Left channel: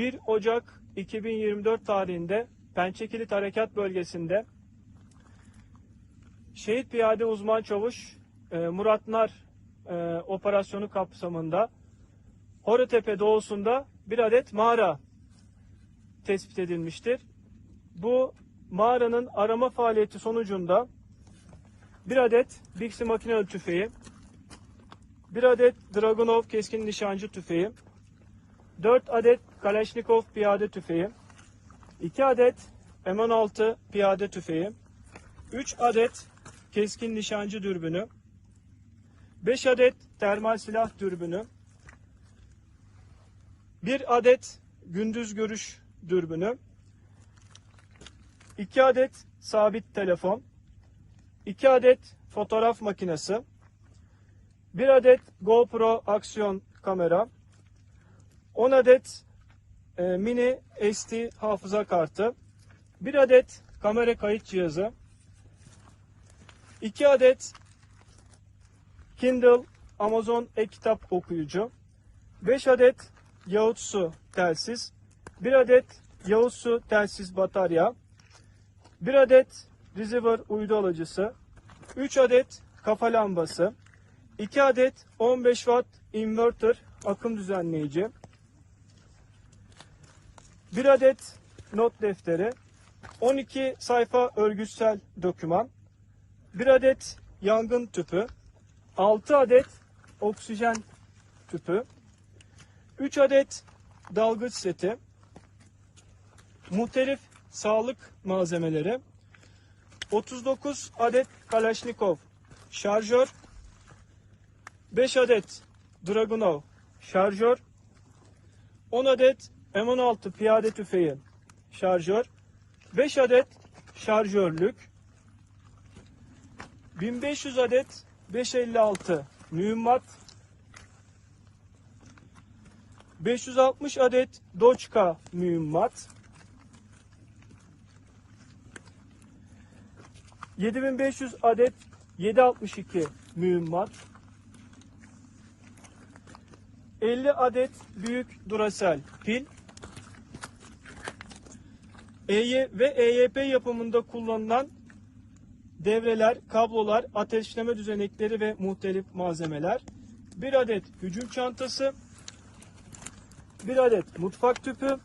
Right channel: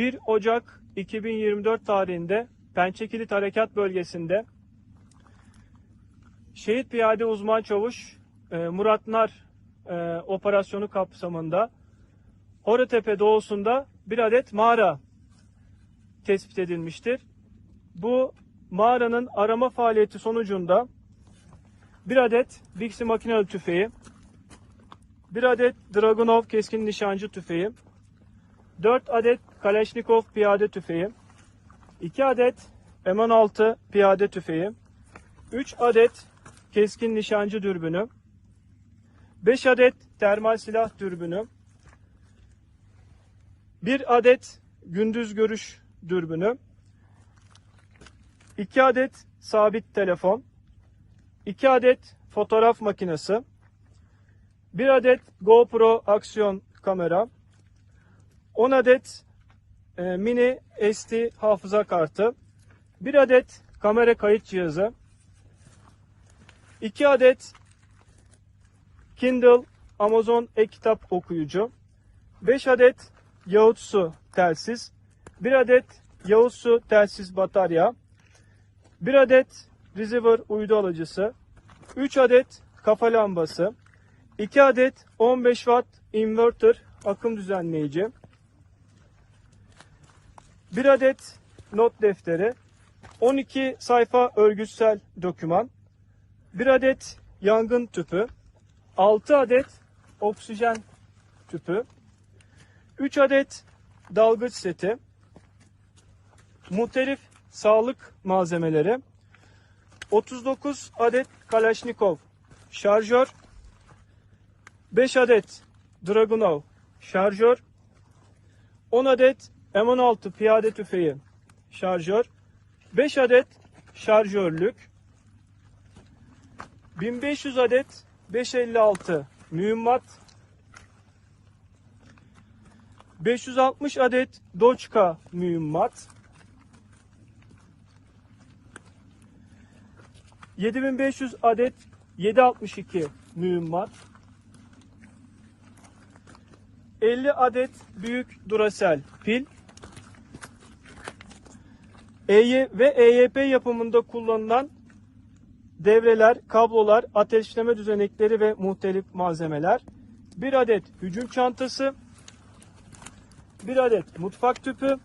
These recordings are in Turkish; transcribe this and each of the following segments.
1 Ocak 2024 tarihinde Pençekilit Harekat Bölgesi'nde Şehit Piyade Uzman Çavuş e, Murat Nar e, operasyonu kapsamında Horatepe doğusunda bir adet mağara tespit edilmiştir. Bu mağaranın arama faaliyeti sonucunda bir adet Bixi makinalı tüfeği, bir adet Dragunov keskin nişancı tüfeği, 4 adet Kalashnikov piyade tüfeği, 2 adet M16 piyade tüfeği, 3 adet keskin nişancı dürbünü, 5 adet termal silah dürbünü, 1 adet gündüz görüş dürbünü, 2 adet sabit telefon, 2 adet fotoğraf makinesi, 1 adet GoPro aksiyon kamera, 10 adet e, mini SD hafıza kartı, 1 adet kamera kayıt cihazı, 2 adet Kindle Amazon e-kitap okuyucu, 5 adet Yaohtsu telsiz, 1 adet Yaohtsu telsiz batarya, 1 adet receiver uydu alıcısı, 3 adet kafa lambası, 2 adet 15 watt inverter akım düzenleyici, 1 adet not defteri, 12 sayfa örgütsel doküman, 1 adet yangın tüpü, 6 adet oksijen tüpü, 3 adet dalgıç seti, muhtelif sağlık malzemeleri, 39 adet Kalashnikov şarjör, 5 adet Dragunov şarjör, 10 adet M16 piyade tüfeği şarjör, 5 adet şarjörlük, 1500 adet 556 mühimmat, 560 adet Doçka mühimmat, 7500 adet 762 mühimmat, 50 adet büyük Duracell pil, EY ve EYP yapımında kullanılan devreler, kablolar, ateşleme düzenekleri ve muhtelif malzemeler, bir adet hücum çantası, bir adet mutfak tüpü,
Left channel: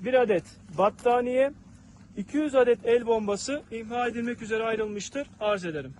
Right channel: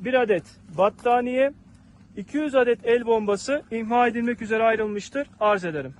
bir adet battaniye, 200 adet el bombası imha edilmek üzere ayrılmıştır. Arz ederim.